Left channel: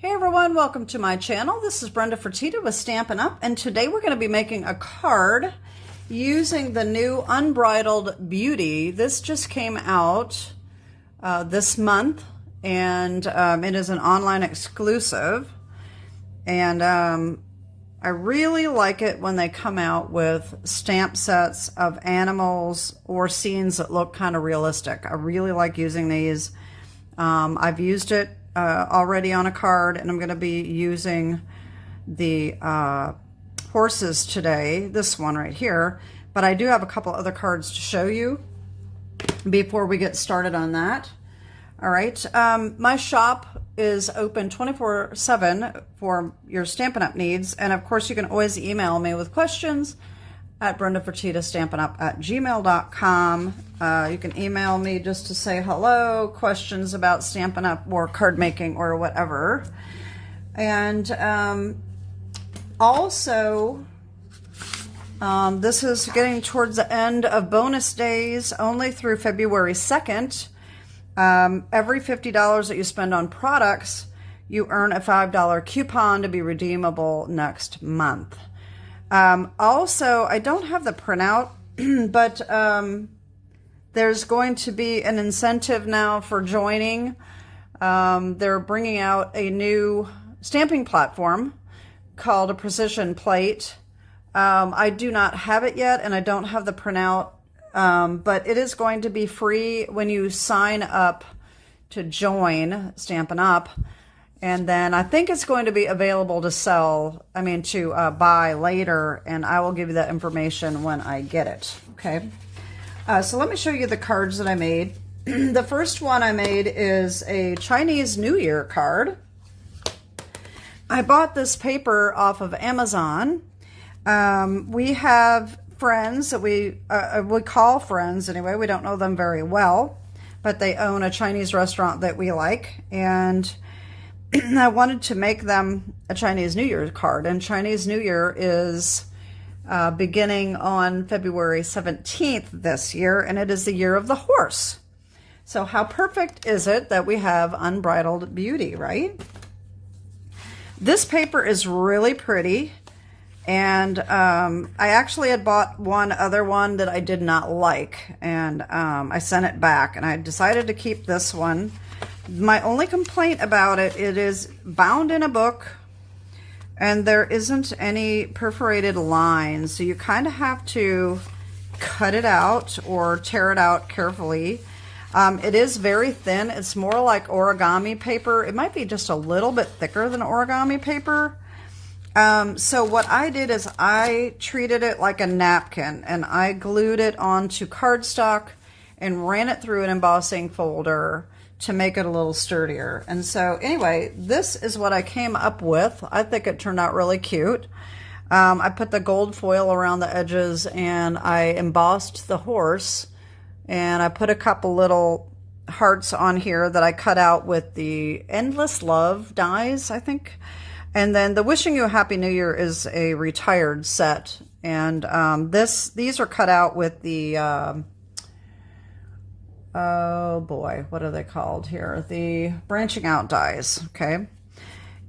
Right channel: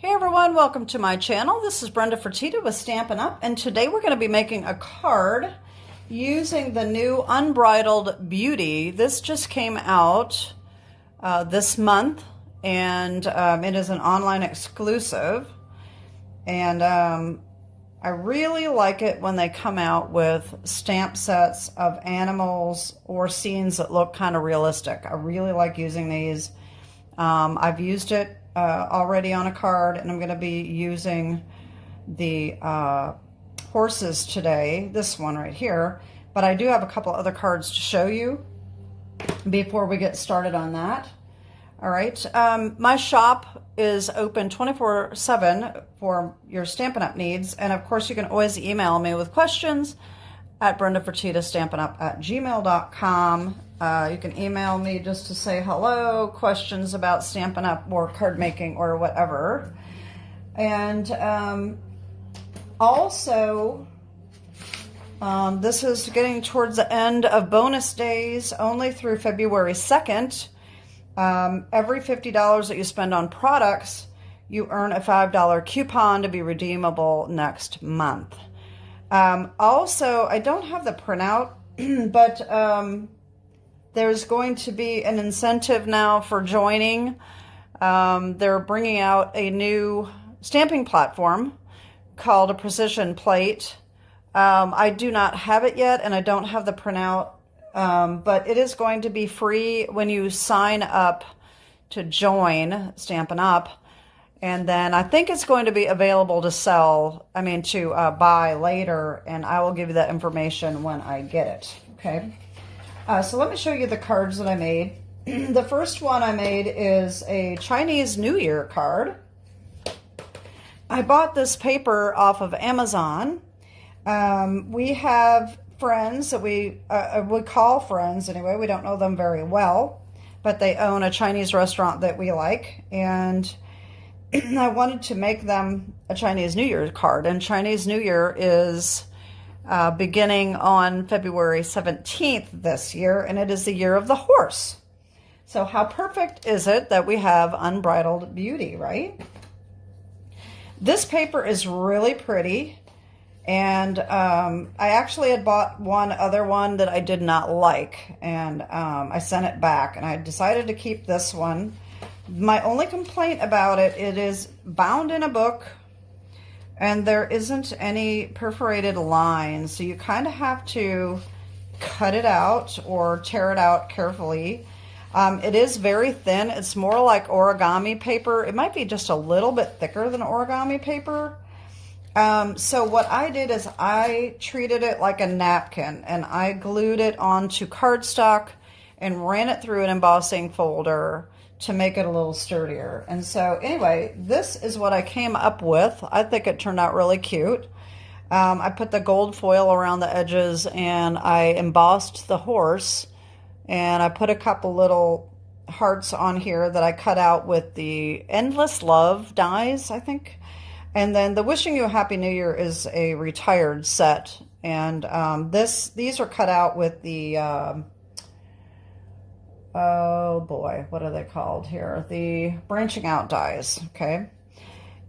Hey everyone, welcome to my channel. This is Brenda Fertitta with Stampin Up, and today we're going to be making a card using the new Unbridled Beauty. This just came out this month, and it is an online exclusive, and I really like it when they come out with stamp sets of animals or scenes that look kind of realistic. I really like using these. I've used it already on a card, and I'm going to be using the horses today, this one right here, but I do have a couple other cards to show you before we get started on that. All right, my shop is open 24/7 for your Stampin' Up! Needs, and of course you can always email me with questions at brendafertittastampingup@gmail.com. You can email me just to say hello, questions about Stampin' Up! Or card making or whatever. And also, this is getting towards the end of bonus days, only through February 2nd. Every $50 that you spend on products, you earn a $5 coupon to be redeemable next month. Also, I don't have the printout, but there's going to be an incentive now for joining. They're bringing out a new stamping platform called a Precision Plate. I do not have it yet, and I don't have the printout, but it is going to be free when you sign up to join Stampin' Up! And then I think it's going to be available to sell, to buy later, and I will give you that information when I get it, okay? So let me show you the cards that I made. The first one I made is a Chinese New Year card. I bought this paper off of Amazon. We have friends that we call friends anyway. We don't know them very well, but they own a Chinese restaurant that we like, and I wanted to make them a Chinese New Year card, and Chinese New Year is beginning on February 17th this year, and it is the year of the horse. So how perfect is it that we have Unbridled Beauty, right? This paper is really pretty, and I actually had bought one other one that I did not like, and I sent it back, and I decided to keep this one. My only complaint about it, it is bound in a book, and there isn't any perforated lines, so you kind of have to cut it out or tear it out carefully. It is very thin. It's more like origami paper. It might be just a little bit thicker than origami paper. So what I did is I treated it like a napkin, and I glued it onto cardstock and ran it through an embossing folder to make it a little sturdier. And so anyway, this is what I came up with. I think it turned out really cute. I put the gold foil around the edges, and I embossed the horse, and I put a couple little hearts on here that I cut out with the Endless Love dies, I think. And then the Wishing You a Happy New Year is a retired set, and these are cut out with the oh boy, what are they called here? The branching out dies, okay?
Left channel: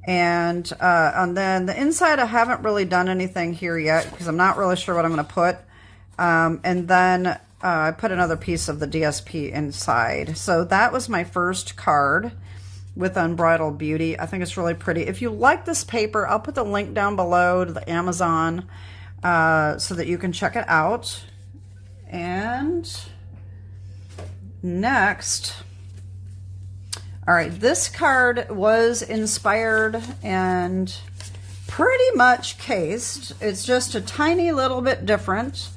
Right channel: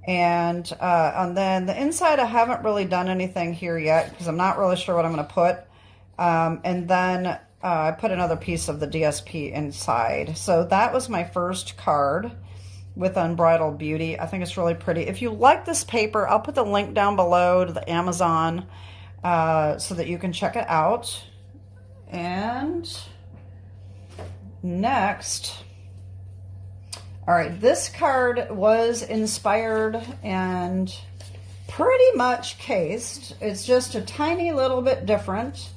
And then the inside, I haven't really done anything here yet because I'm not really sure what I'm going to put. And then I put another piece of the DSP inside. So that was my first card with Unbridled Beauty. I think it's really pretty. If you like this paper, I'll put the link down below to the Amazon so that you can check it out. And next, all right, this card was inspired and pretty much cased. It's just a tiny little bit different.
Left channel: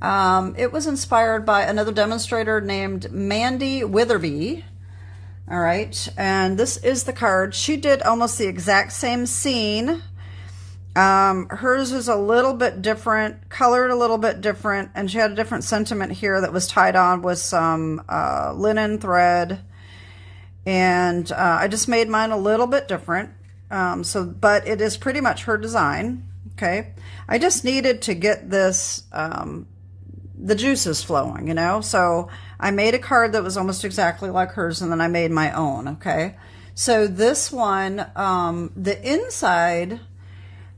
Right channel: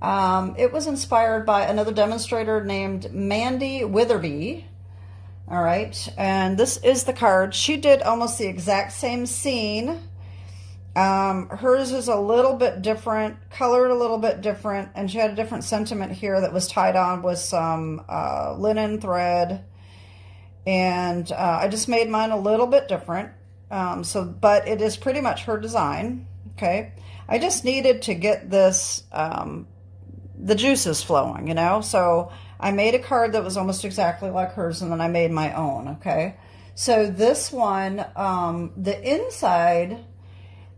It was inspired by another demonstrator named Mandy Witherby. All right, and this is the card. She did almost the exact same scene. Hers is a little bit different, colored a little bit different, and she had a different sentiment here that was tied on with some linen thread. And I just made mine a little bit different. But it is pretty much her design. Okay, I just needed to get this the juices flowing, you know. So I made a card that was almost exactly like hers, and then I made my own. Okay, So this one, the inside,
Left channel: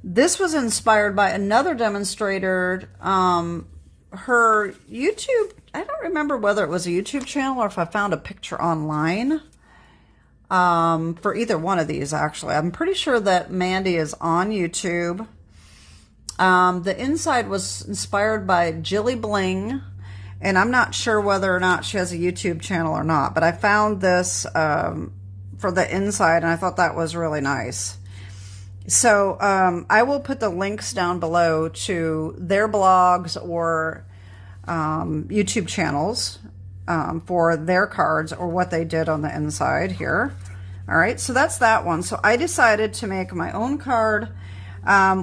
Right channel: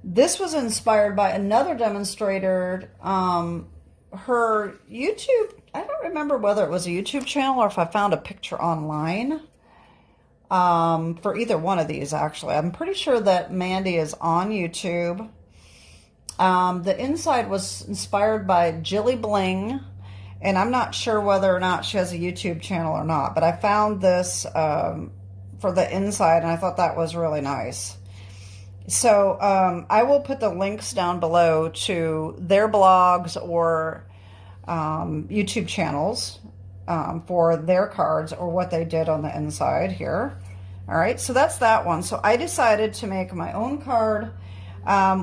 this was inspired by another demonstrator. Her YouTube, I don't remember whether it was a YouTube channel or if I found a picture online for either one of these, actually. I'm pretty sure that Mandy is on YouTube. The inside was inspired by Jilli Bling, and I'm not sure whether or not she has a YouTube channel or not, but I found this for the inside, and I thought that was really nice. So I will put the links down below to their blogs or YouTube channels for their cards or what they did on the inside here. All right, so that's that one. So I decided to make my own card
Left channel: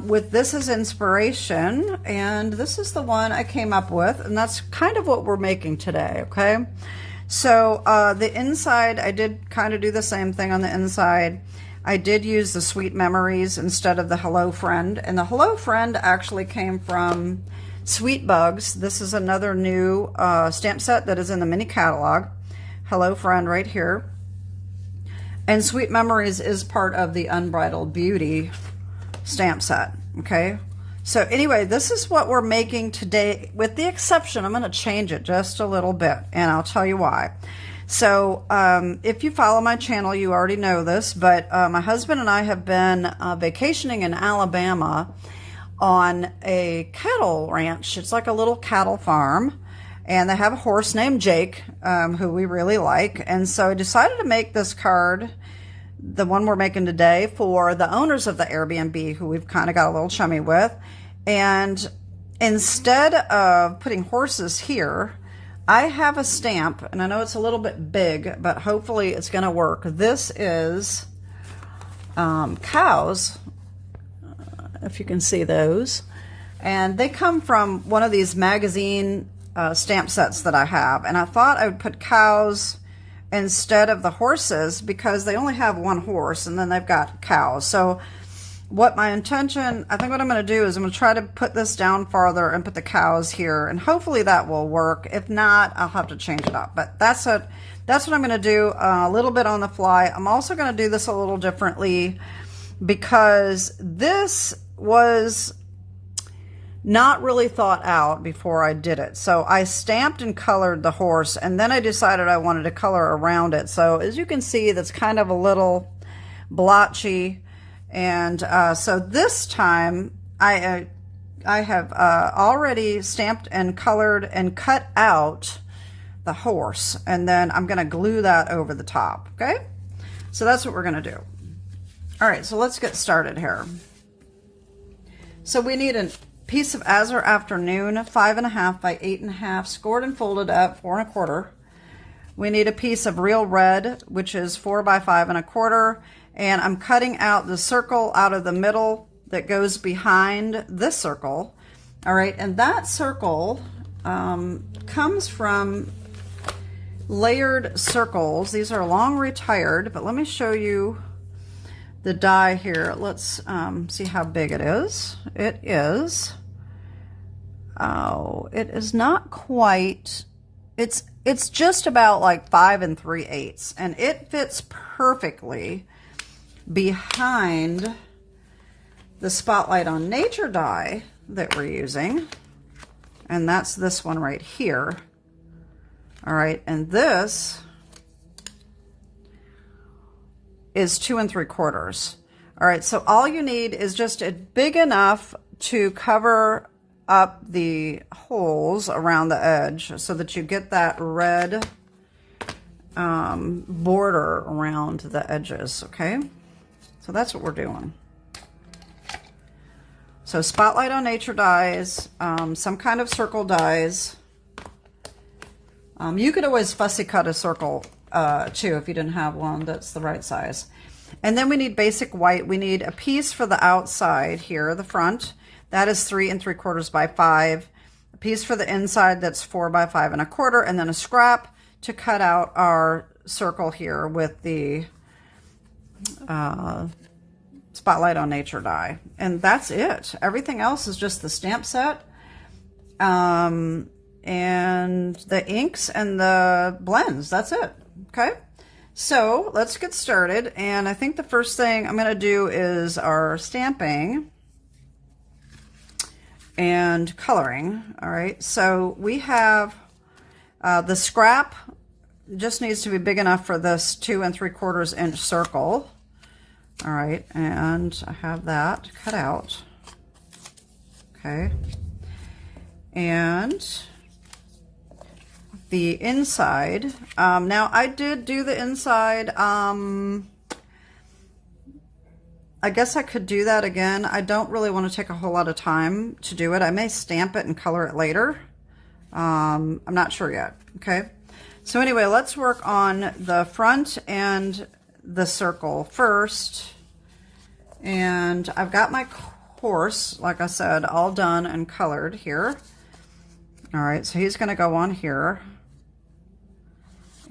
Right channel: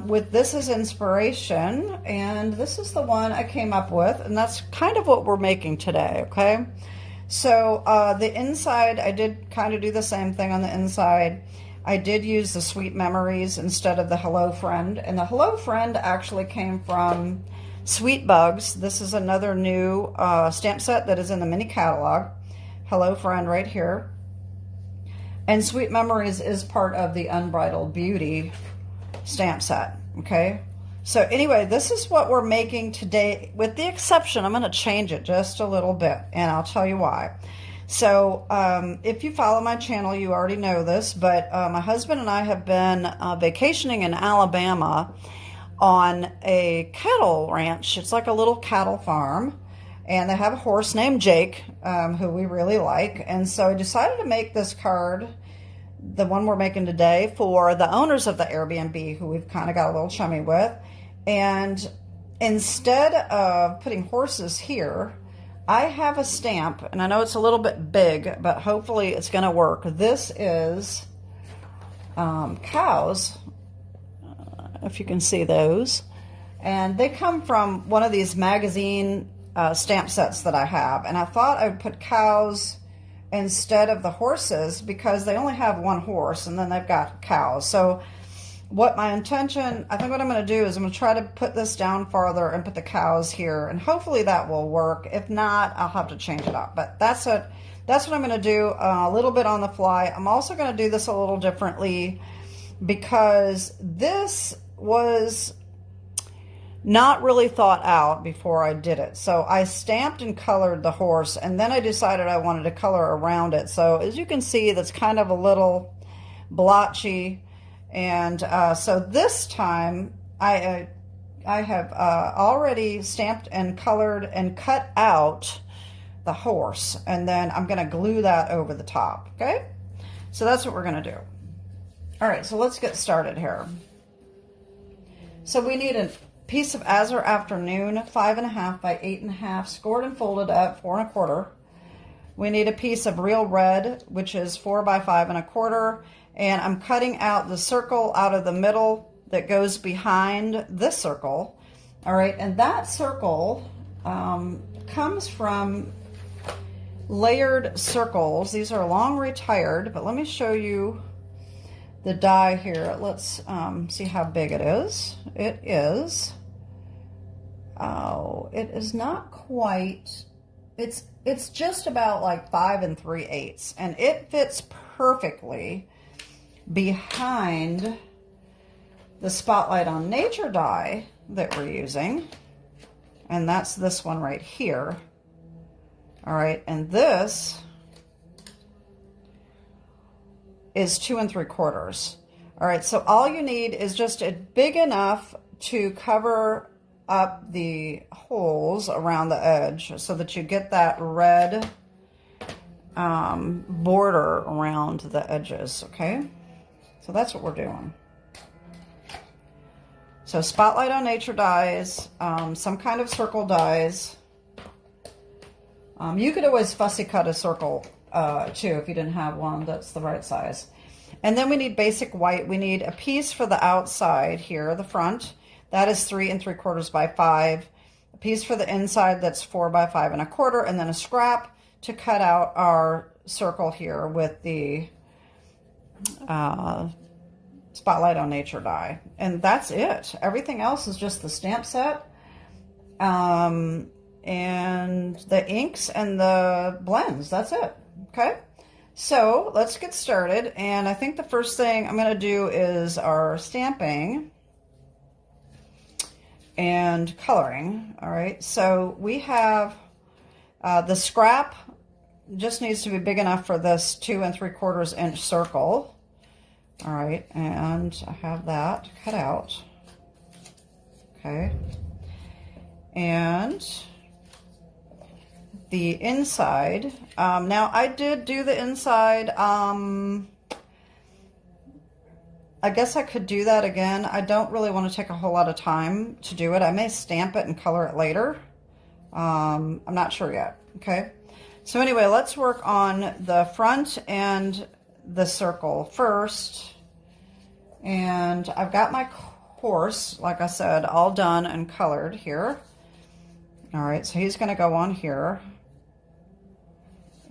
with this as inspiration, and this is the one I came up with, and that's kind of what we're making today, okay? So the inside, I did kind of do the same thing on the inside. I did use the Sweet Memories instead of the Hello Friend, and the Hello Friend actually came from Sweet Bugs. This is another new stamp set that is in the mini catalog. Hello Friend right here. And Sweet Memories is part of the Unbridled Beauty stamp set, okay? So anyway, this is what we're making today, with the exception, I'm going to change it just a little bit, and I'll tell you why. So if you follow my channel, you already know this, but my husband and I have been vacationing in Alabama on a cattle ranch. It's like a little cattle farm, and they have a horse named Jake, who we really like. And so I decided to make this card, the one we're making today, for the owners of the Airbnb, who we've kind of got a little chummy with. And instead of putting horses here, I have a stamp, and I know it's a little bit big, but hopefully it's going to work. This is cows, if you can see those. And they come from one of these magazine stamp sets that I have. And I thought I would put cows instead of the horses because they only have one horse, and then they've got cows. So what my intention, I think what I'm going to do is I'm going to try to put this down farther and put the cows here, and hopefully that will work. If not, I'll have to change it up. But that's what I'm going to do a little bit on the fly. I'm also going to do this a little differently because this was not really thought out before I did it. So I stamped and colored the horse, and then I decided I wanted to color around it. So as you can see, that's kind of a little blotchy. And so this time I have already stamped and colored and cut out the horse, and then I'm going to glue that over the top. Okay, so that's what we're going to do. All right, so let's get started here. So we need a piece of Azure Afternoon, 5.5 by 8.5, scored and folded at 4 1/4. We need a piece of Real Red, which is 4 by 5 1/4. And I'm cutting out the circle out of the middle that goes behind this circle. All right, and that circle comes from Layered Circles. These are long retired, but let me show you the die here. Let's see how big it is. It is, oh, it is not quite, it's just about like 5 3/8, and it fits perfectly behind the Spotlight on Nature die that we're using, and that's this one right here. All right, and this is 2 3/4. All right, so all you need is just a big enough to cover up the holes around the edge so that you get that red border around the edges, okay? So that's what we're doing. So Spotlight on Nature dies, some kind of circle dies. You could always fussy cut a circle too if you didn't have one that's the right size. And then we need basic white. We need a piece for the outside here, the front. That is 3 3/4 by 5. A piece for the inside that's 4 by 5 1/4, and then a scrap to cut out our circle here with the Spotlight on Nature die. And that's it. Everything else is just the stamp set, and the inks and the blends. That's it. Okay. So let's get started. And I think the first thing I'm going to do is our stamping and coloring. All right, so we have the scrap just needs to be big enough for this 2 3/4 inch circle. All right, and I have that cut out. Okay, and the inside, now I did do the inside. I guess I could do that again. I don't really want to take a whole lot of time to do it. I may stamp it and color it later. I'm not sure yet. Okay, so anyway, let's work on the front and the circle first. And I've got my horse, like I said, all done and colored here. All right, so he's going to go on here.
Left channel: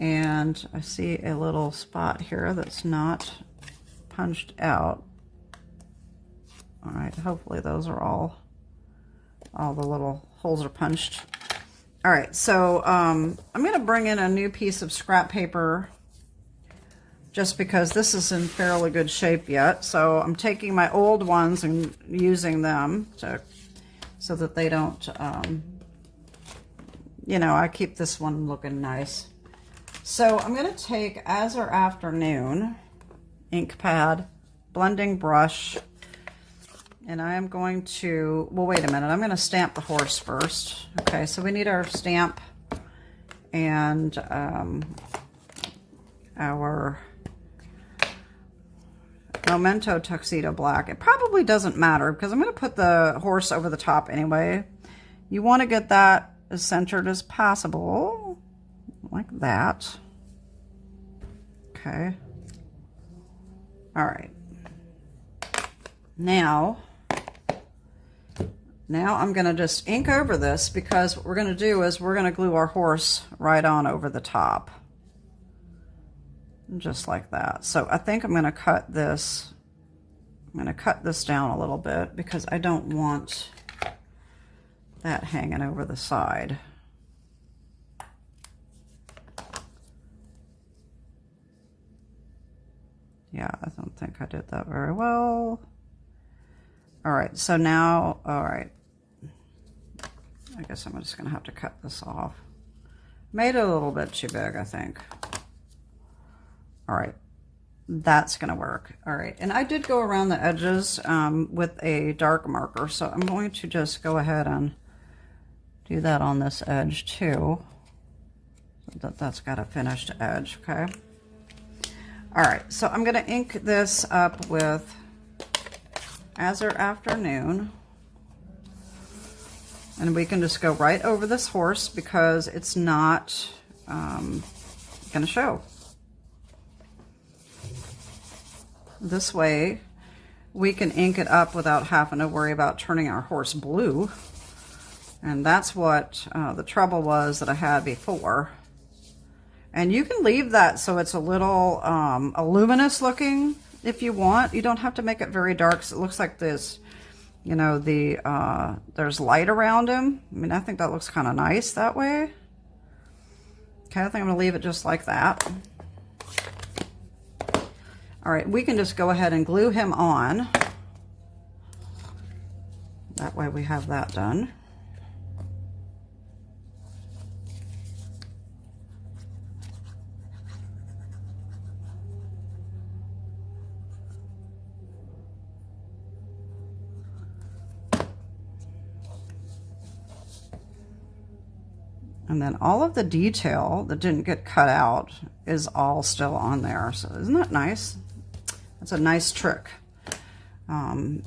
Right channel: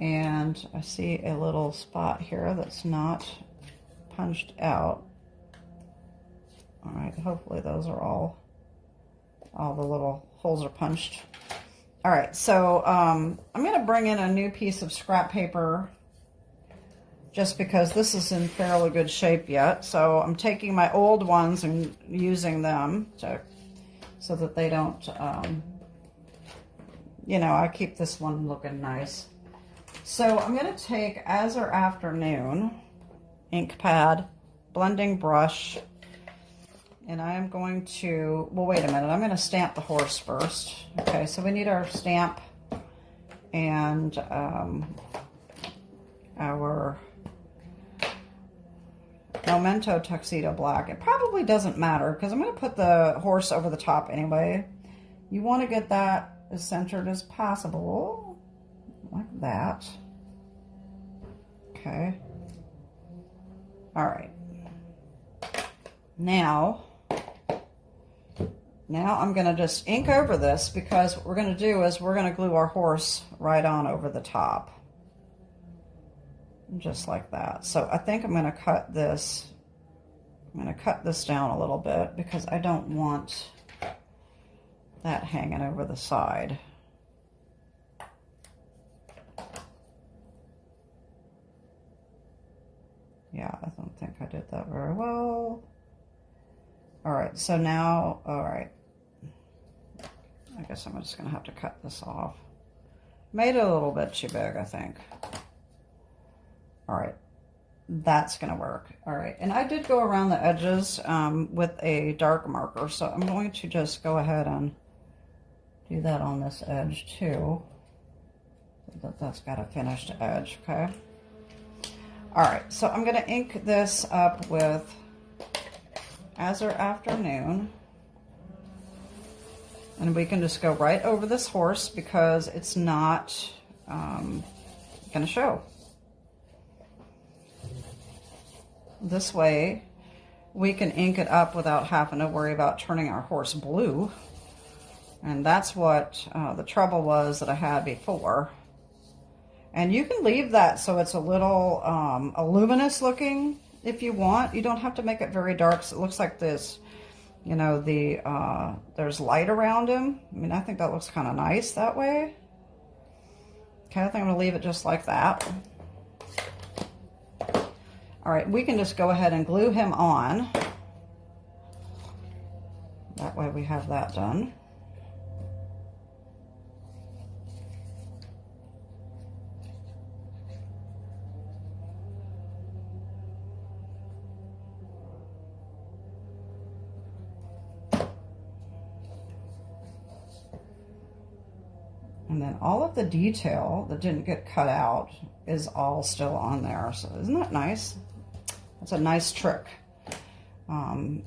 And I see a little spot here that's not punched out. All right, hopefully those are all the little holes are punched. All right, so I'm going to bring in a new piece of scrap paper just because this is in fairly good shape yet. So I'm taking my old ones and using them so that they don't, you know, I keep this one looking nice. So I'm going to take As Our Afternoon ink pad, blending brush, and I am going to, well, wait a minute, I'm going to stamp the horse first. Okay, so we need our stamp and our Memento Tuxedo Black. It probably doesn't matter because I'm going to put the horse over the top anyway. You want to get that as centered as possible, like that. Okay. All right. Now I'm going to just ink over this because what we're going to do is we're going to glue our horse right on over the top. Just like that. So I think I'm going to cut this. I'm going to cut this down a little bit because I don't want that hanging over the side. Yeah, I don't think I did that very well. All right, so now, all right. I guess I'm just going to have to cut this off. Made it a little bit too big, I think. All right, that's going to work. All right, and I did go around the edges with a dark marker, so I'm going to just go ahead and do that on this edge too, so that's got a finished edge, okay? All right, so I'm going to ink this up with As Our Afternoon, and we can just go right over this horse because it's not going to show. This way we can ink it up without having to worry about turning our horse blue. And that's what the trouble was that I had before. And you can leave that so it's a little luminous looking if you want. You don't have to make it very dark so it looks like this, you know, there's light around him. I mean, I think that looks kind of nice that way. Okay, I think I'm going to leave it just like that. All right, we can just go ahead and glue him on. That way we have that done. And then all of the detail that didn't get cut out is all still on there. So isn't that nice? That's a nice trick to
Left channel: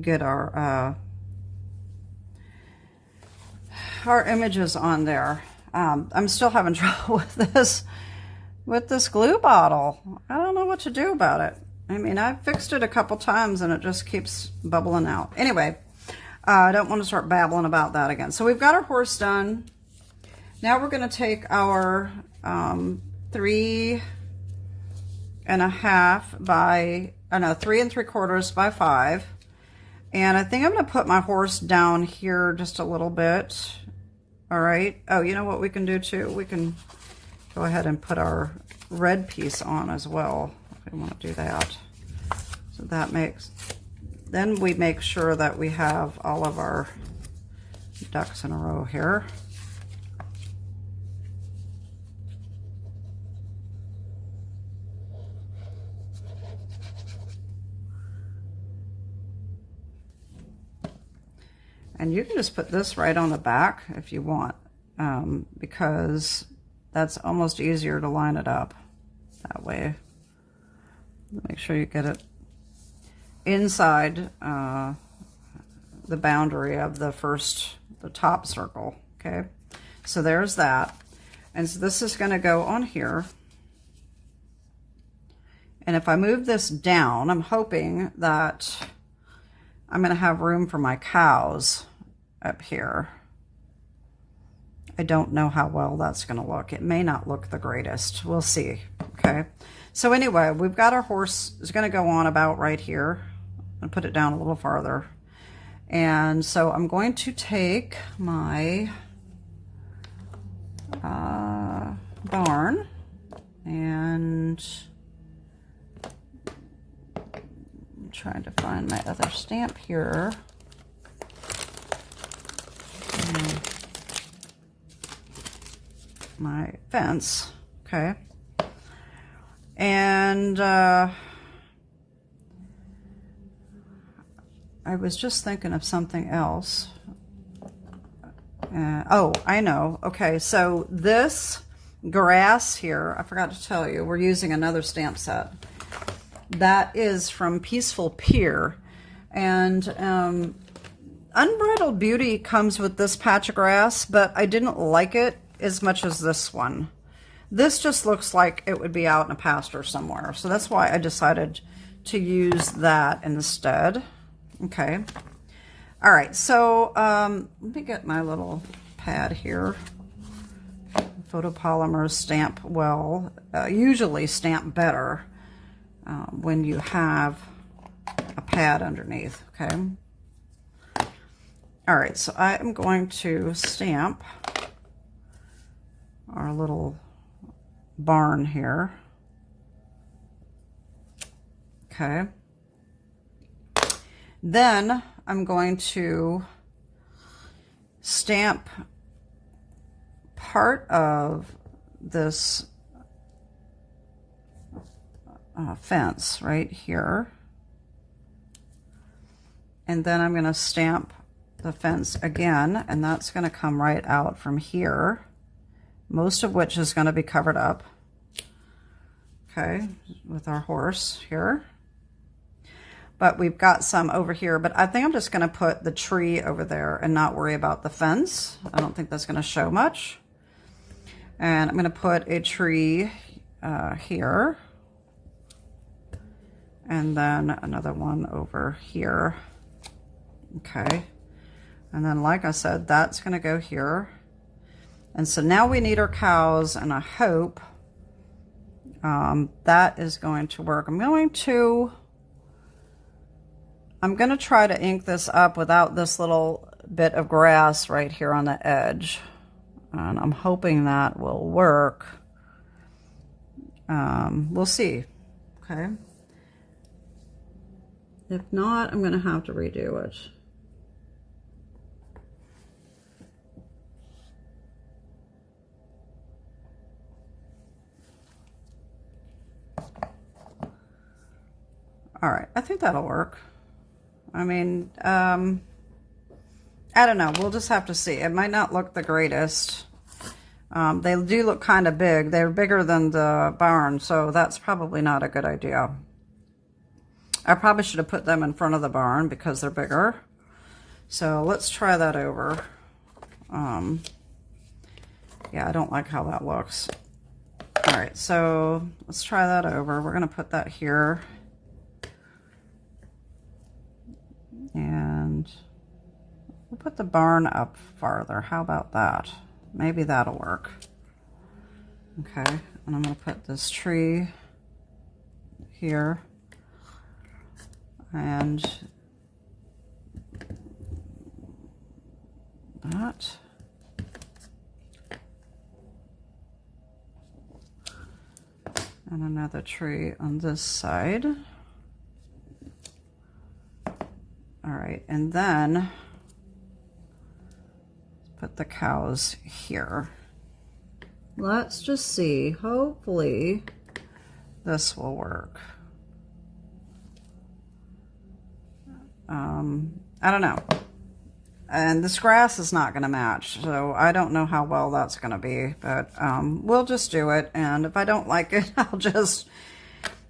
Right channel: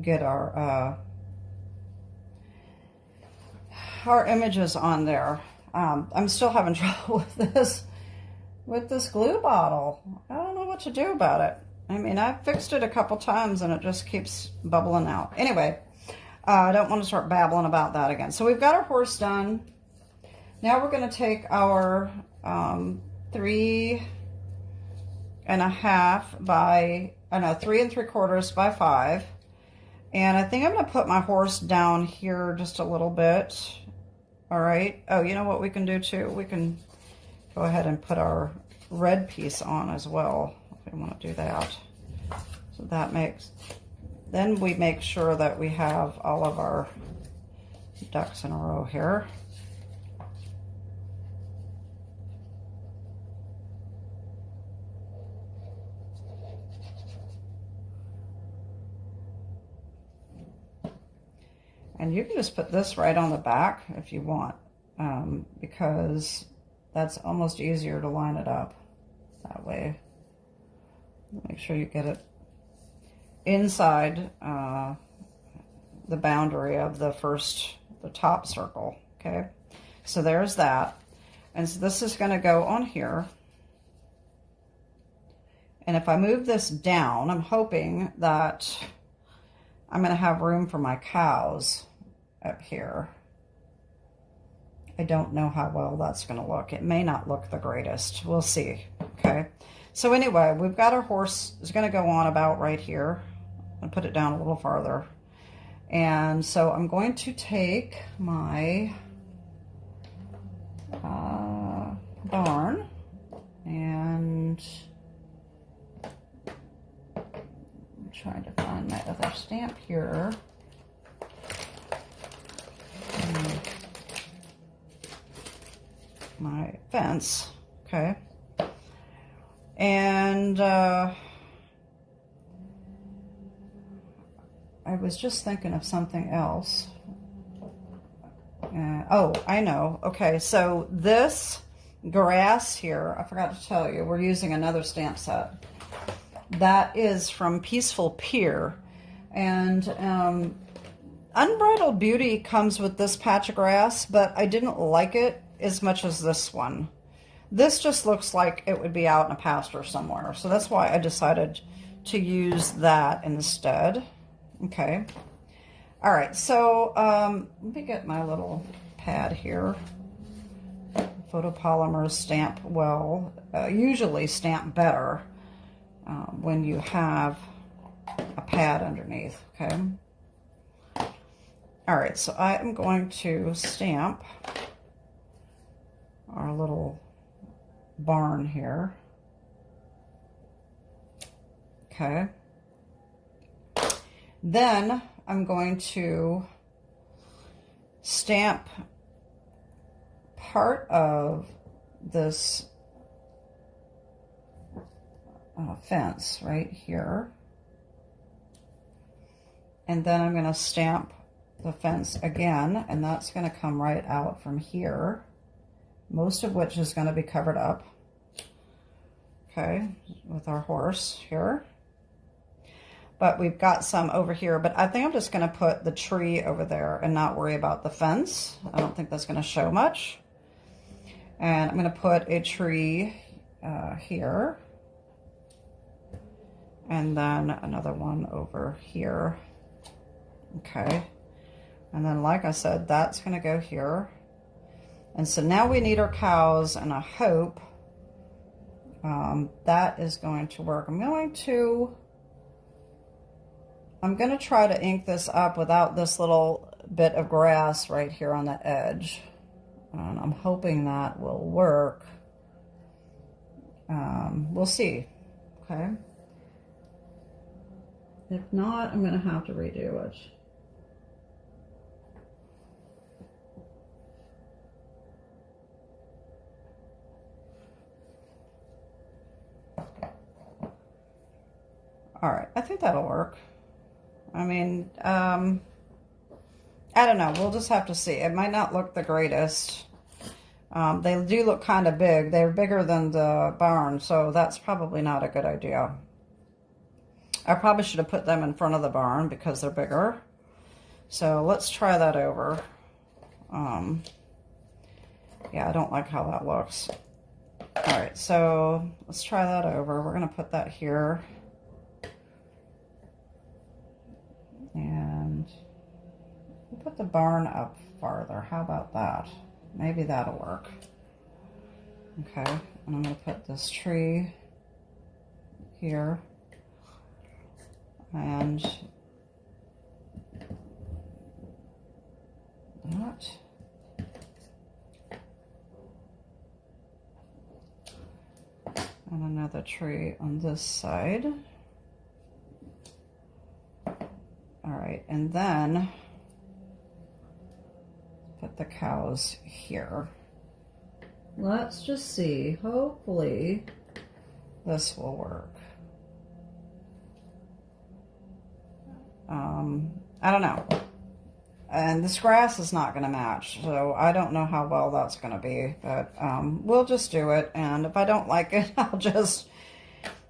get our images on there. I'm still having trouble with this glue bottle. I don't know what to do about it. I mean, I've fixed it a couple times and it just keeps bubbling out. Anyway, I don't want to start babbling about that again. So we've got our horse done. Now we're going to take our 3 3 3/4 by 5. And I think I'm going to put my horse down here just a little bit. All right. Oh, you know what we can do too? We can go ahead and put our red piece on as well, if we want to do that. So that makes, then we make sure that we have all of our ducks in a row here. And you can just put this right on the back if you want, because that's almost easier to line it up that way. Make sure you get it inside the boundary of the top circle, okay? So there's that. And so this is gonna go on here. And if I move this down, I'm hoping that I'm gonna have room for my cows up here. I don't know how well that's gonna look. It may not look the greatest. We'll see, okay? So anyway, we've got our horse is gonna go on about right here. I'll put it down a little farther. And so I'm going to take my barn and I'm trying to find my other stamp here. My fence, okay. And I was just thinking of something else. Oh, I know. Okay, so this grass here, I forgot to tell you, we're using another stamp set. That is from Peaceful Pier. And Unbridled Beauty comes with this patch of grass, but I didn't like it as much as this one. This just looks like it would be out in a pasture somewhere. So that's why I decided to use that instead. Okay. All right. So let me get my little pad here. Photopolymers stamp well, usually stamp better when you have a pad underneath. Okay. All right. So I am going to stamp our little barn here. Okay. Then I'm going to stamp part of this fence right here. And then I'm going to stamp the fence again, and that's going to come right out from here, most of which is going to be covered up, okay, with our horse here. But we've got some over here, but I think I'm just going to put the tree over there and not worry about the fence. I don't think that's going to show much. And I'm going to put a tree here. And then another one over here. Okay. And then, like I said, that's going to go here. And so now we need our cows, and I hope that is going to work. I'm going to try to ink this up without this little bit of grass right here on the edge. And I'm hoping that will work. We'll see. Okay. If not, I'm going to have to redo it. All right, I think that'll work. I mean, I don't know. We'll just have to see. It might not look the greatest. They do look kind of big. They're bigger than the barn, so that's probably not a good idea. I probably should have put them in front of the barn because they're bigger. So let's try that over. Yeah, I don't like how that looks. All right, so let's try that over. We're going to put that here. And we'll put the barn up farther. How about that? Maybe that'll work. Okay, and I'm going to put this tree here. And that. And another tree on this side. All right, and then put the cows here. Let's just see, hopefully this will work. I don't know. And this grass is not going to match, so I don't know how well that's going to be, but we'll just do it, and if I don't like it, I'll just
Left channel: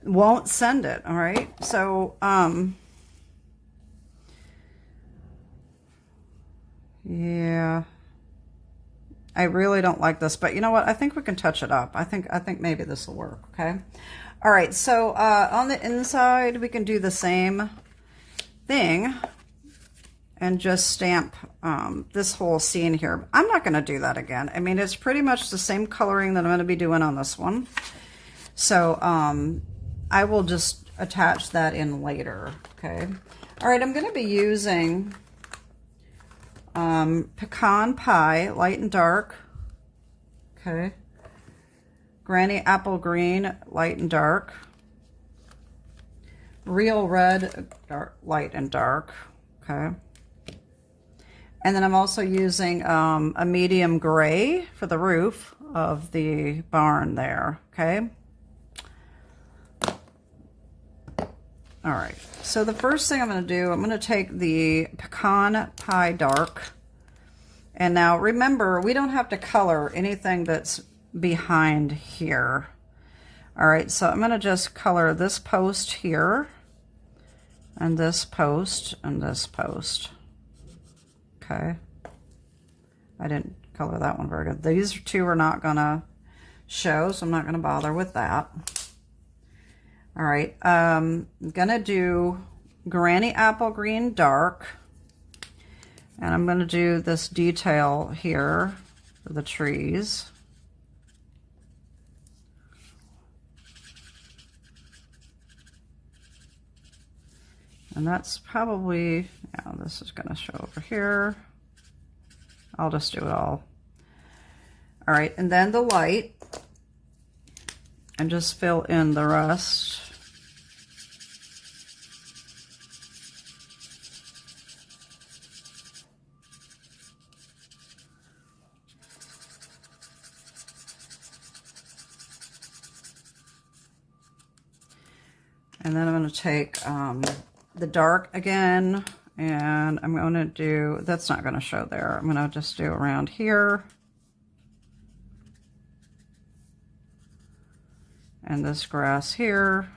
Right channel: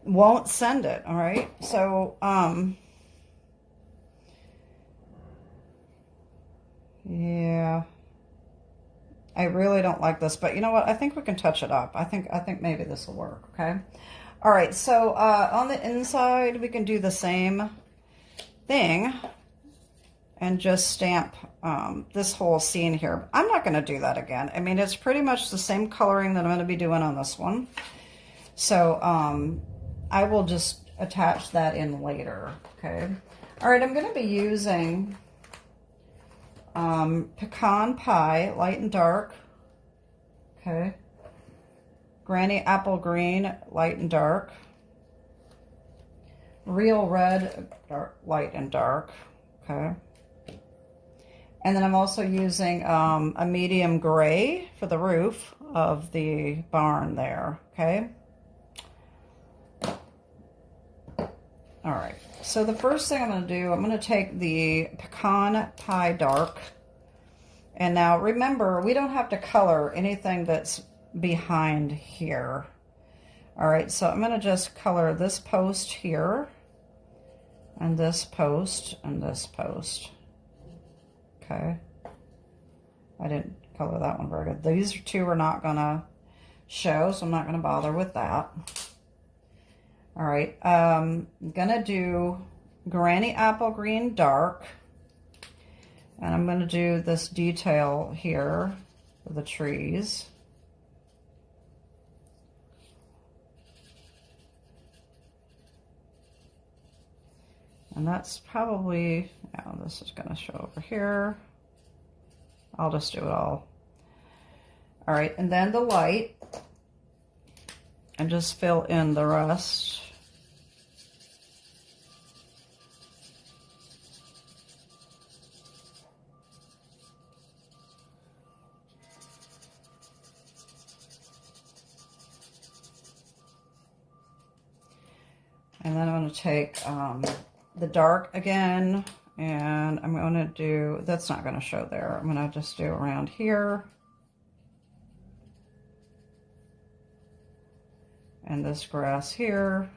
won't send it, all right? So, yeah, I really don't like this, but you know what? I think we can touch it up. I think maybe this will work, okay? All right, so on the inside, we can do the same thing and just stamp this whole scene here. I'm not going to do that again. I mean, it's pretty much the same coloring that I'm going to be doing on this one. So I will just attach that in later, okay? All right, I'm going to be using pecan pie, light and dark, okay? Granny apple green, light and dark. Real red, dark, light and dark, okay? And then I'm also using a medium gray for the roof of the barn there, okay? All right, so the first thing I'm going to do, I'm going to take the pecan pie dark. And now remember, we don't have to color anything that's behind here. All right, so I'm going to just color this post here, and this post, and this post. Okay. I didn't color that one very good. These two are not going to show, so I'm not going to bother with that. All right, I'm going to do Granny Apple Green Dark, and I'm going to do this detail here for the trees. And that's probably, yeah, this is going to show over here. I'll just do it all. All right, and then the light, and just fill in the rest. And then I'm going to take the dark again, and I'm going to do, that's not going to show there. I'm going to just do around here. And this grass here.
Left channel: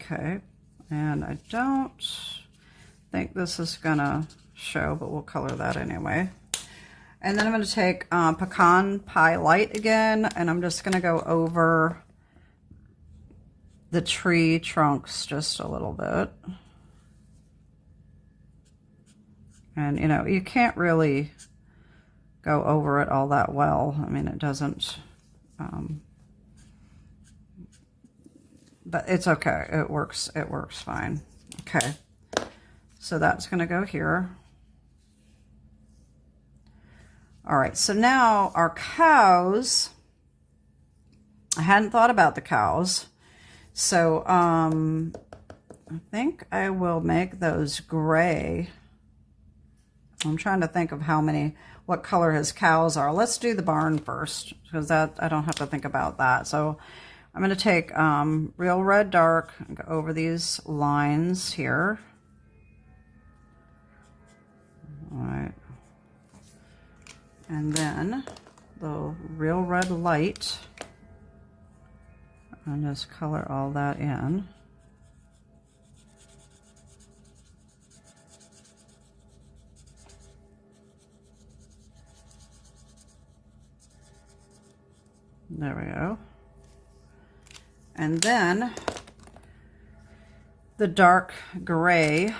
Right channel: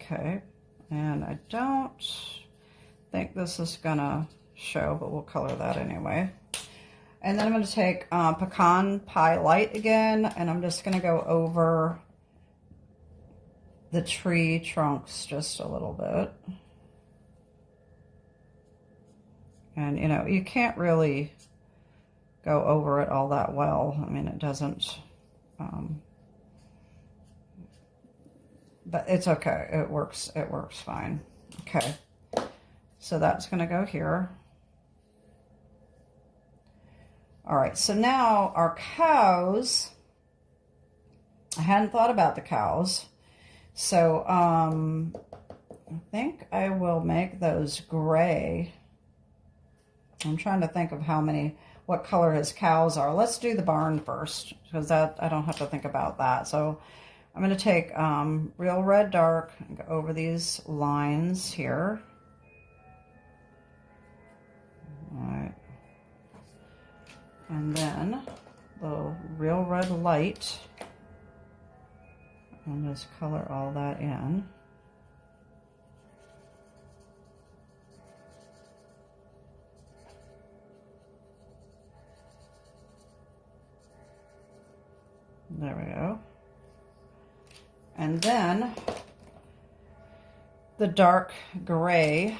Okay, and I don't think this is going to show, but we'll color that anyway. And then I'm going to take pecan pie light again, and I'm just going to go over the tree trunks just a little bit. And, you know, you can't really go over it all that well. I mean, it doesn't, but it's okay. It works fine. Okay, so that's going to go here. All right, so now our cows, I hadn't thought about the cows. So I think I will make those gray. I'm trying to think of what color his cows are. Let's do the barn first, because that I don't have to think about that. So I'm going to take real red dark and go over these lines here. All right. And then the real red light, and just color all that in. There we go. And then the dark gray,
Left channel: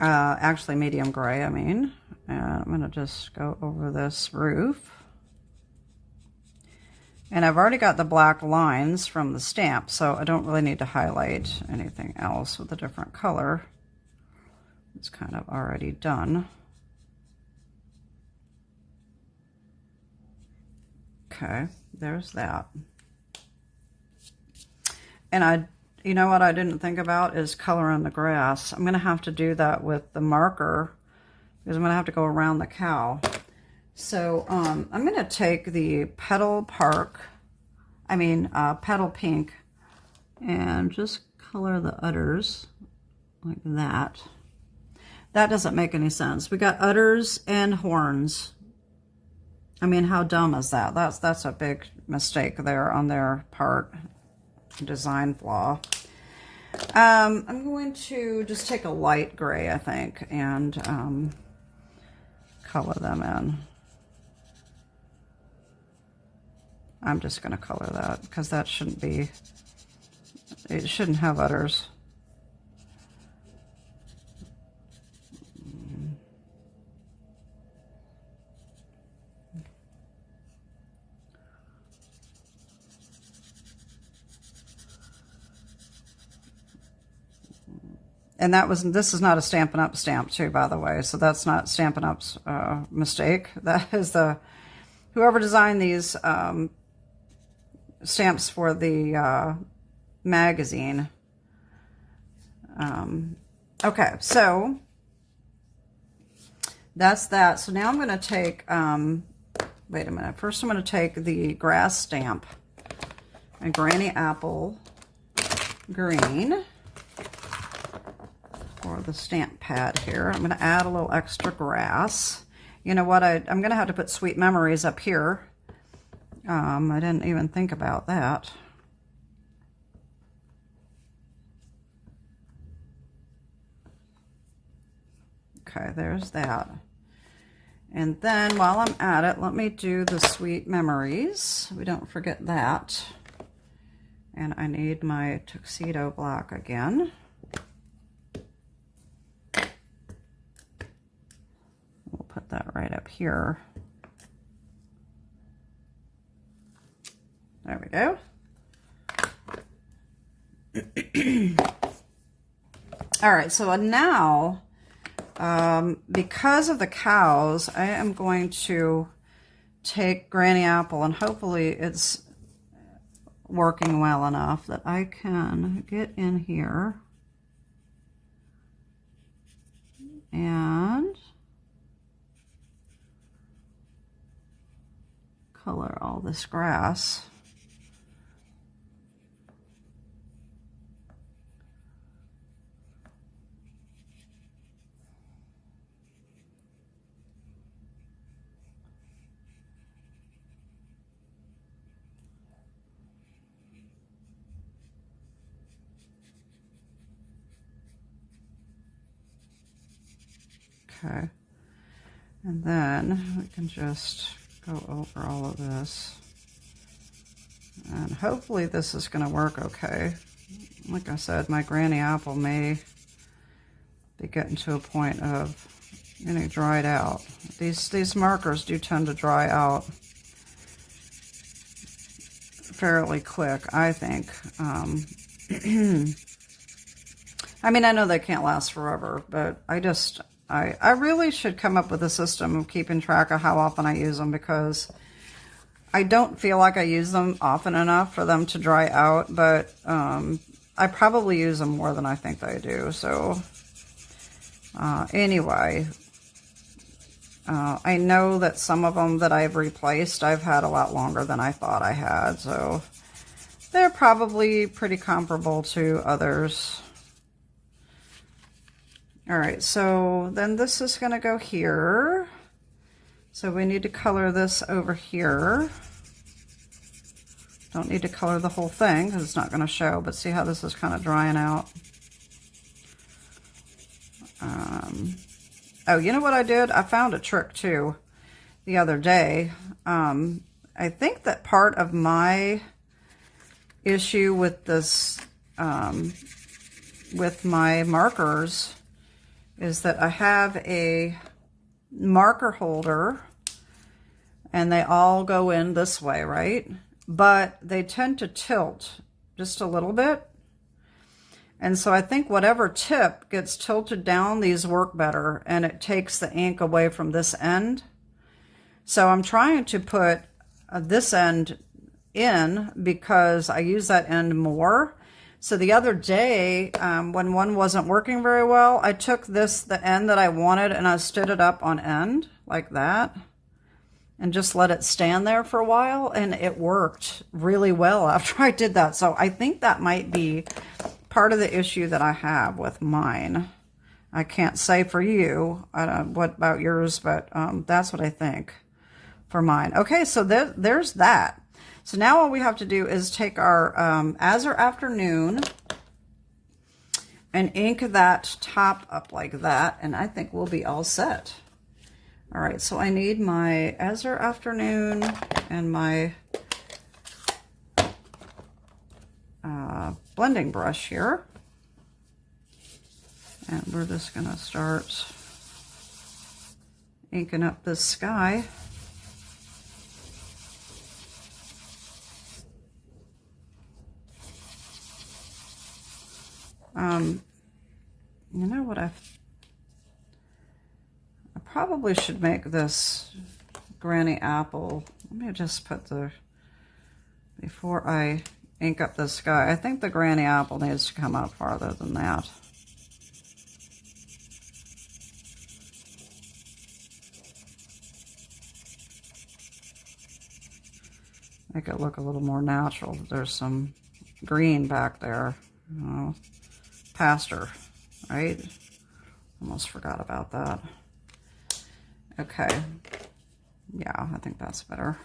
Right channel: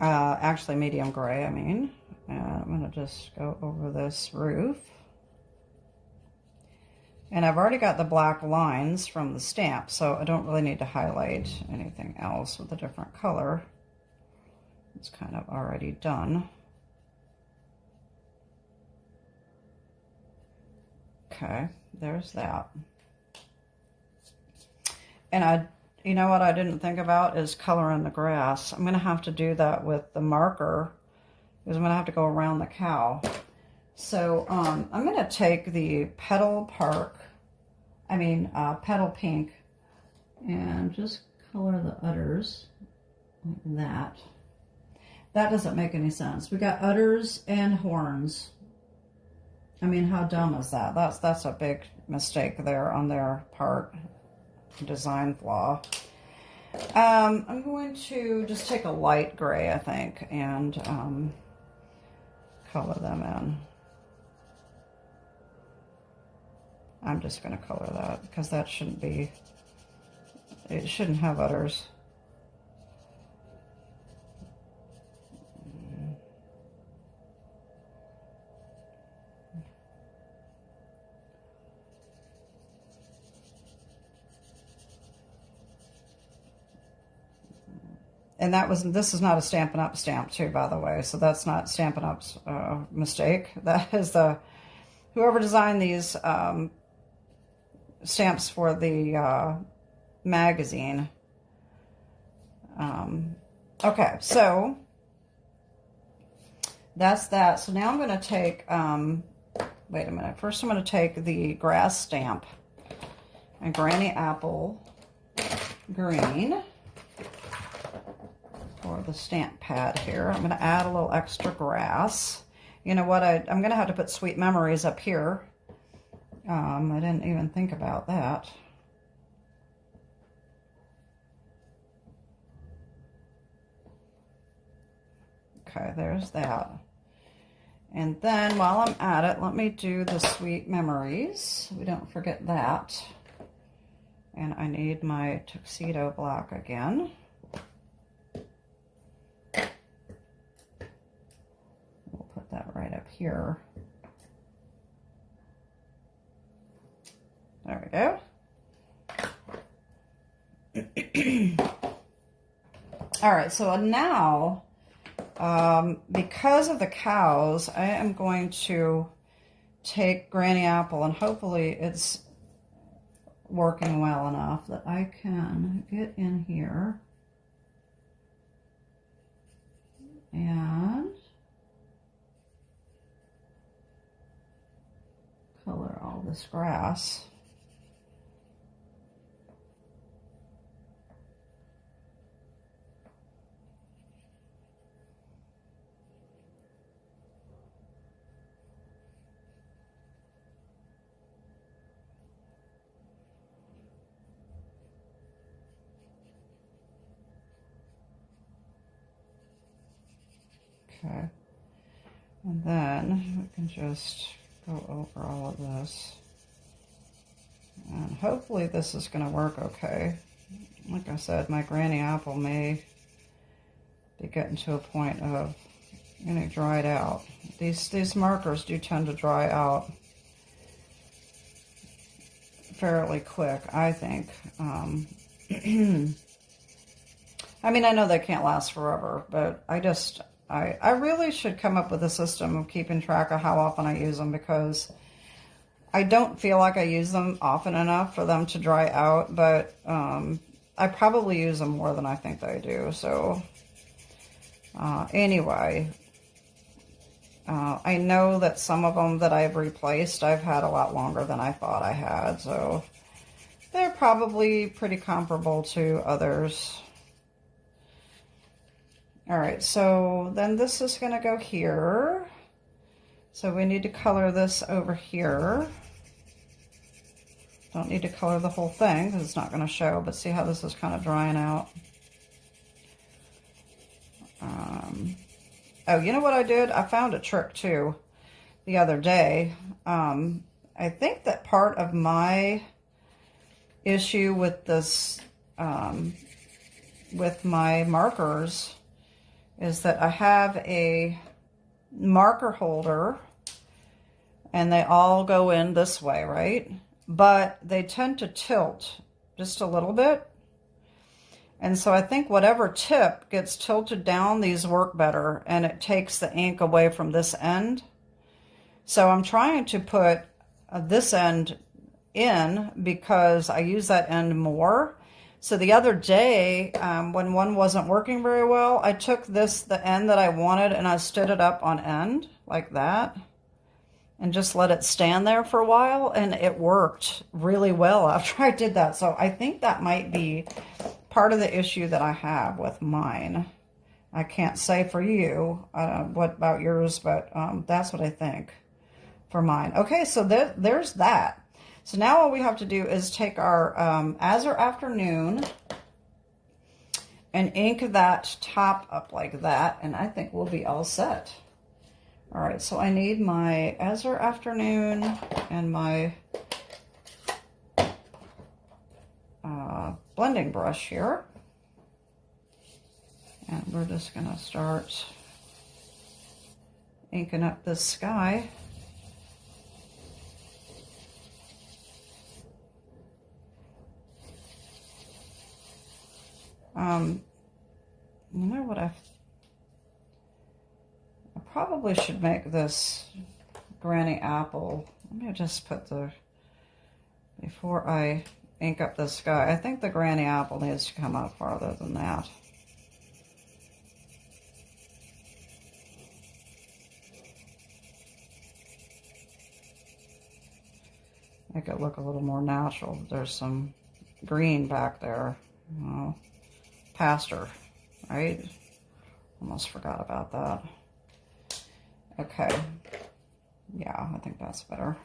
actually medium gray, I mean. And I'm going to just go over this roof. And I've already got the black lines from the stamp, so I don't really need to highlight anything else with a different color. It's kind of already done. Okay, there's that. And you know what I didn't think about is coloring the grass. I'm going to have to do that with the marker because I'm going to have to go around the cow. So I'm going to take the Petal Pink, and just color the udders like that. That doesn't make any sense. We got udders and horns. I mean, how dumb is that? That's a big mistake there on their part. Design flaw. I'm going to just take a light gray, I think, and color them in. I'm just going to color that because that shouldn't be, it shouldn't have udders. And this is not a Stampin' Up stamp too, by the way. So that's not Stampin' Up's mistake. That is whoever designed these stamps for the magazine. Okay, so that's that. So now I'm going to take, wait a minute. First I'm going to take the grass stamp and Granny Apple green for the stamp pad here. I'm going to add a little extra grass. You know what? I'm going to have to put Sweet Memories up here. I didn't even think about that. Okay, there's that. And then while I'm at it, let me do the Sweet Memories. We don't forget that. And I need my tuxedo block again. We'll put that right up here. There we go. All right, so now, because of the cows, I am going to take Granny Apple, and hopefully it's working well enough that I can get in here and color all this grass. Okay, and then we can just go over all of this, and hopefully this is going to work okay. Like I said, my Granny Apple may be getting to a point of getting dried out. These markers do tend to dry out fairly quick, I think. I mean, I know they can't last forever, but I really should come up with a system of keeping track of how often I use them, because I don't feel like I use them often enough for them to dry out, but I probably use them more than I think I do. So anyway, I know that some of them that I've replaced, I've had a lot longer than I thought I had. So they're probably pretty comparable to others. All right, so then this is going to go here. So we need to color this over here. Don't need to color the whole thing because it's not going to show, but see how this is kind of drying out. Oh, you know what I did? I found a trick too the other day. I think that part of my issue with this, with my markers, is that I have a marker holder and they all go in this way, right? But they tend to tilt just a little bit. And so I think whatever tip gets tilted down, these work better, and it takes the ink away from this end. So I'm trying to put this end in because I use that end more. So the other day, when one wasn't working very well, I took the end that I wanted, and I stood it up on end like that and just let it stand there for a while, and it worked really well after I did that. So I think that might be part of the issue that I have with mine. I can't say for you, what about yours, but that's what I think for mine. Okay, so there's that. So now all we have to do is take our Azure Afternoon and ink that top up like that, and I think we'll be all set. All right, so I need my Azure Afternoon and my blending brush here. And we're just gonna start inking up this sky. You know what, I probably should make this Granny Apple. Let me just put before I ink up the sky, I think the Granny Apple needs to come up farther than that. Make it look a little more natural. There's some green back there. Oh, pasture, right? Almost forgot about that. Okay. Yeah, I think that's better.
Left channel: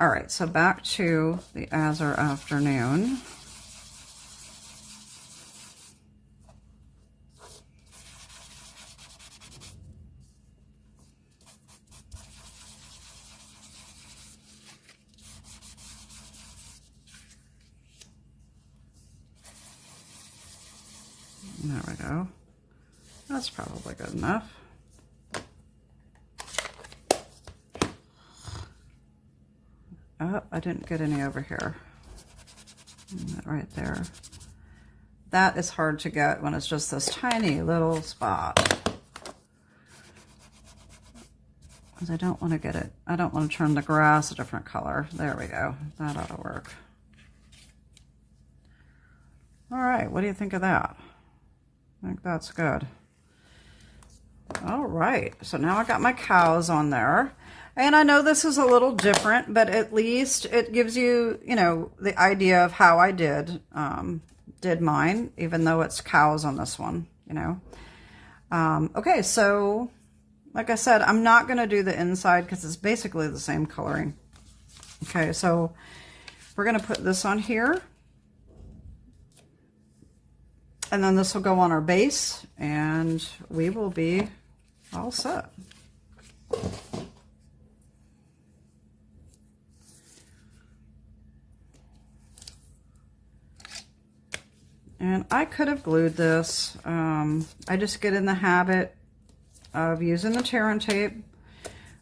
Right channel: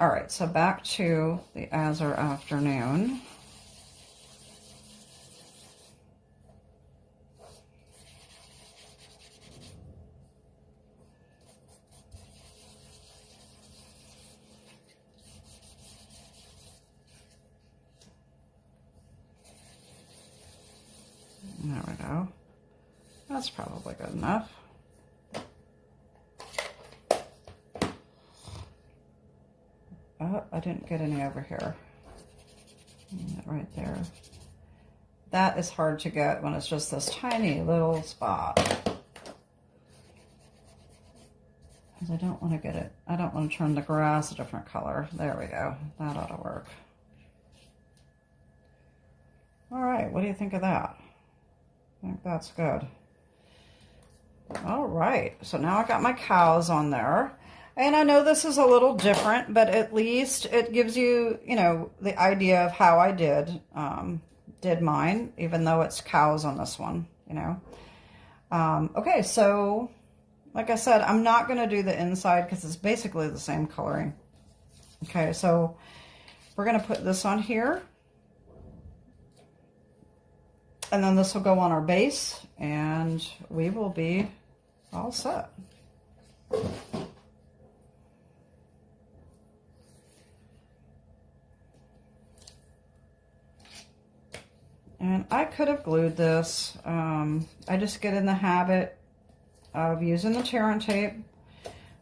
All right, so back to the Azure Afternoon. There we go. That's probably good enough. Oh, I didn't get any over here. Right there. That is hard to get when it's just this tiny little spot. Because I don't want to get it, I don't want to turn the grass a different color. There we go. That ought to work. All right, what do you think of that? I think that's good. All right, so now I got my cows on there. And I know this is a little different, but at least it gives you, you know, the idea of how I did mine, even though it's cows on this one, you know. Okay, so like I said, I'm not going to do the inside because it's basically the same coloring. Okay, so we're going to put this on here. And then this will go on our base, and we will be all set. And I could have glued this. I just get in the habit of using the tear and tape.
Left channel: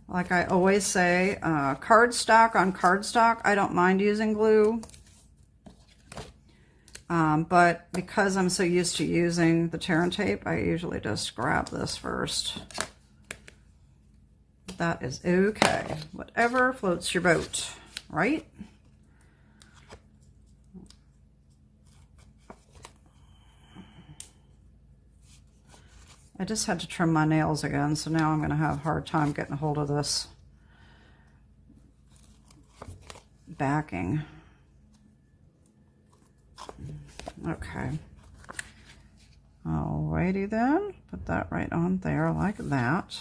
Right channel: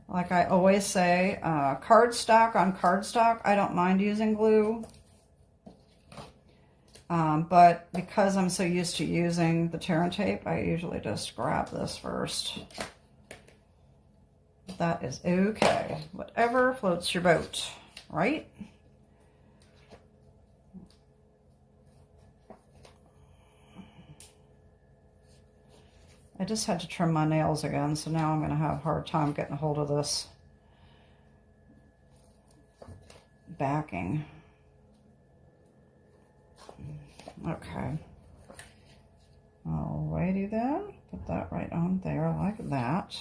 Like I always say, cardstock on cardstock, I don't mind using glue. But because I'm so used to using the tear and tape, I usually just grab this first. That is okay. Whatever floats your boat, right? I just had to trim my nails again, so now I'm going to have a hard time getting a hold of this backing. Okay. Alrighty then. Put that right on there like that.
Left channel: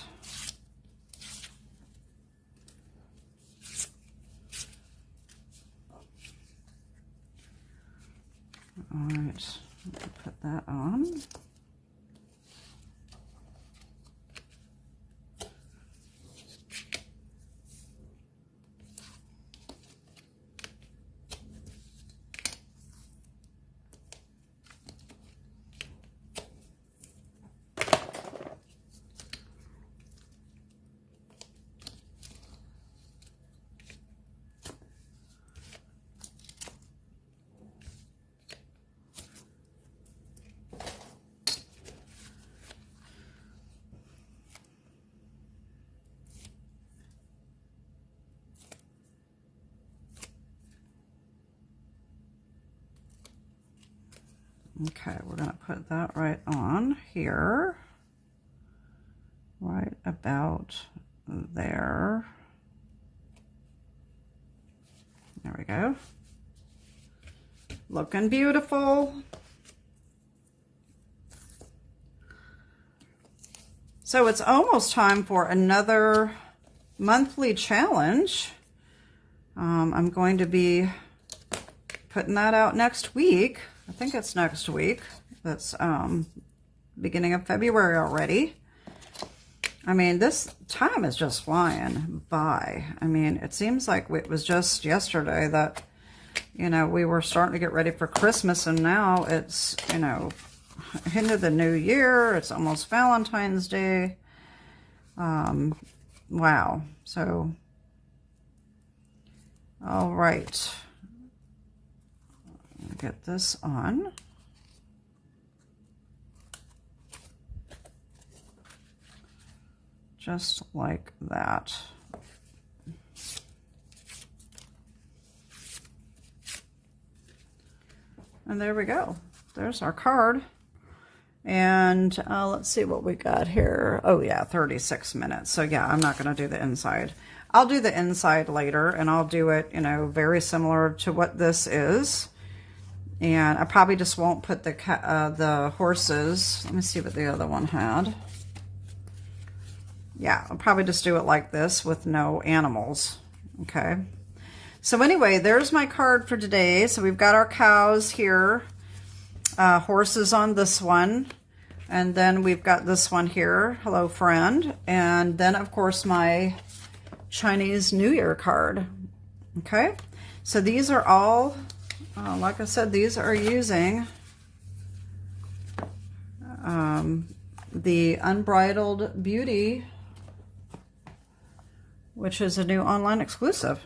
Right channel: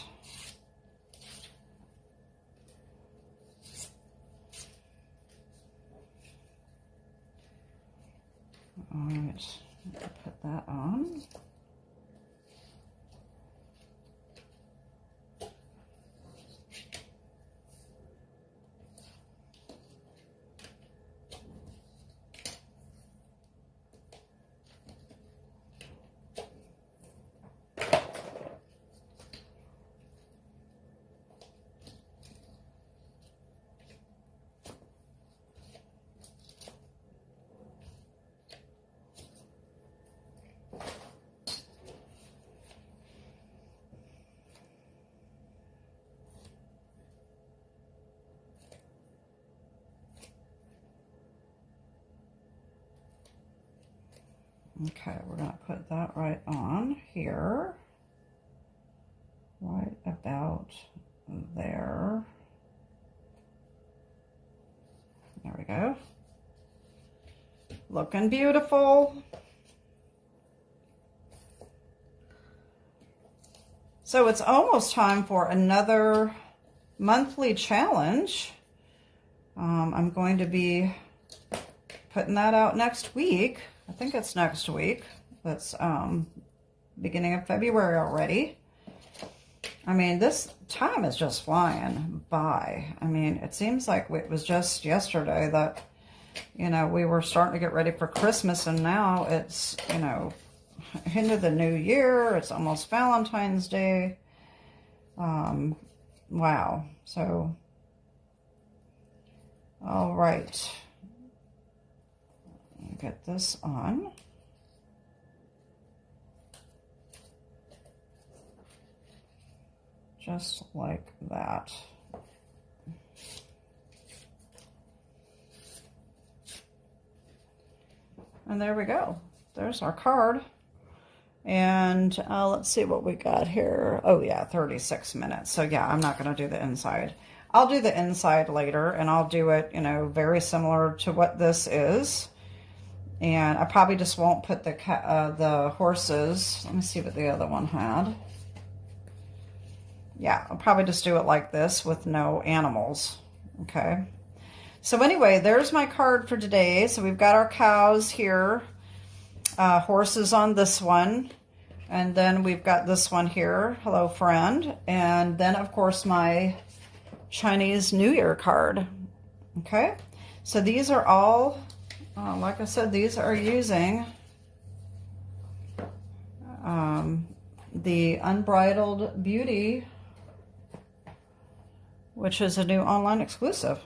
Alright, put that on. Okay, we're going to put that right on here. Right about there. There we go. Looking beautiful. So it's almost time for another monthly challenge. I'm going to be putting that out next week. I think it's next week. That's beginning of February already. I mean, this time is just flying by. I mean, it seems like it was just yesterday that, you know, we were starting to get ready for Christmas, and now it's, you know, into the new year. It's almost Valentine's Day. Wow. So, all right. Get this on. Just like that. And there we go. There's our card. And let's see what we got here. Oh yeah, 36 minutes. So yeah, I'm not going to do the inside. I'll do the inside later, and I'll do it, you know, very similar to what this is. And I probably just won't put the horses. Let me see what the other one had. Yeah, I'll probably just do it like this with no animals. Okay. So anyway, there's my card for today. So we've got our cows here. Horses on this one, and then we've got this one here, hello friend, and then of course my Chinese New Year card. Okay, so these are all, like I said, these are using the Unbridled Beauty, which is a new online exclusive.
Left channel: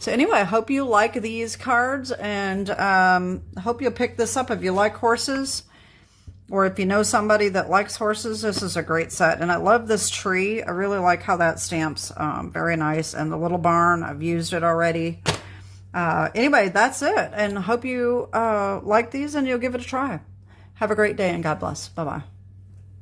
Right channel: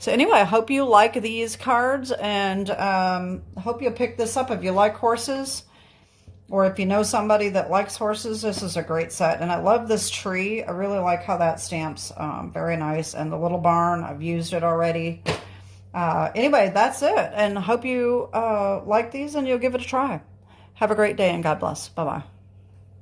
So anyway, I hope you like these cards, and I hope you'll pick this up if you like horses, or if you know somebody that likes horses. This is a great set, and I love this tree. I really like how that stamps. Very nice. And the little barn, I've used it already. Anyway, that's it, and I hope you like these and you'll give it a try. Have a great day, and God bless. Bye-bye.